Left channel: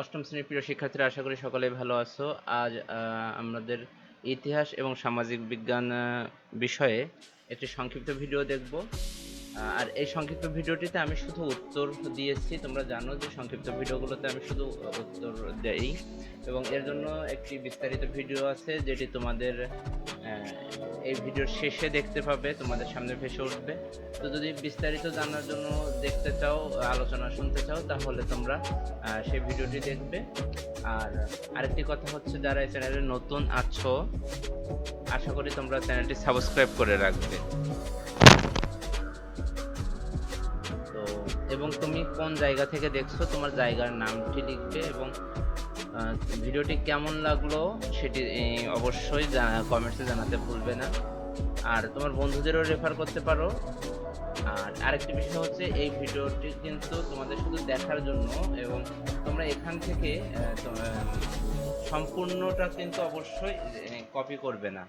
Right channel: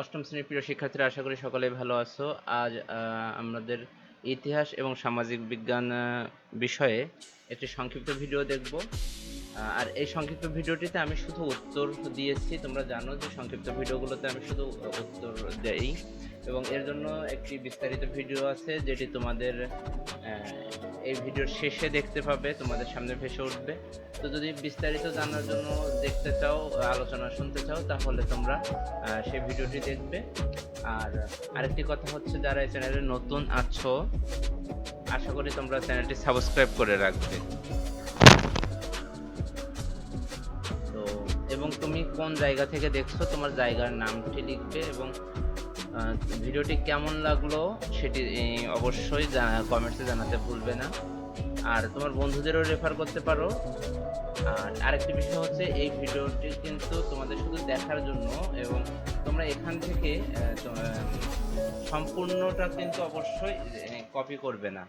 অষ্টম শ্রেণীর প্রিয় শিক্ষার্থীরা, আশা করি সকলেই ভালো আছো। আজ আমাদের ইতিহাস এবং সামাজিক বিজ্ঞান বিষয়ে একটি সংক্ষিপ্ত ভিডিও দেখব। আর এই সংক্ষিপ্ত ভিডিওটিতে আমি শুধু উত্তর দিয়েছি। তোমরা জানো যে সংক্ষিপ্ত ভিডিওগুলোতে আমি শুধু উত্তর দেই, এবং এর জন্য একটি বিস্তারিত ভিডিও আছে যেটি তোমাদের এই ভিডিওর শেষে দেখতে পাবে, তোমাদের সামনে ভেসে উঠবে। তো যদি বিস্তারিত জানার জন্য দেখতে চাও, আলোচনা শুনতে চাও, তাহলে তোমরা সেই ভিডিওটি দেখবে। আর আরেকটি কথা হচ্ছে, যারা এই চ্যানেলে নতুন আছো, আশা করি তোমরা চ্যানেলটি সাবস্ক্রাইব করে রাখবে। তো এবং তুমি কোন জায়গা থেকে দেখছো, তোমার জায়গার নামটি লিখবে, এবং ভিডিওটি কেমন লাগলো সেটি অবশ্যই কমেন্টসে জানাতে ভুলবে না। আর তোমার বন্ধুদেরও রেফার করতে পারো। আর আরেকটি বিষয় হচ্ছে, এই ভিডিওটি কিন্তু তোমাদের শুধু দেখার জন্য, এবং তোমরা এখান থেকে সম্পূর্ণটা কিন্তু অবশ্যই কপি করবে না।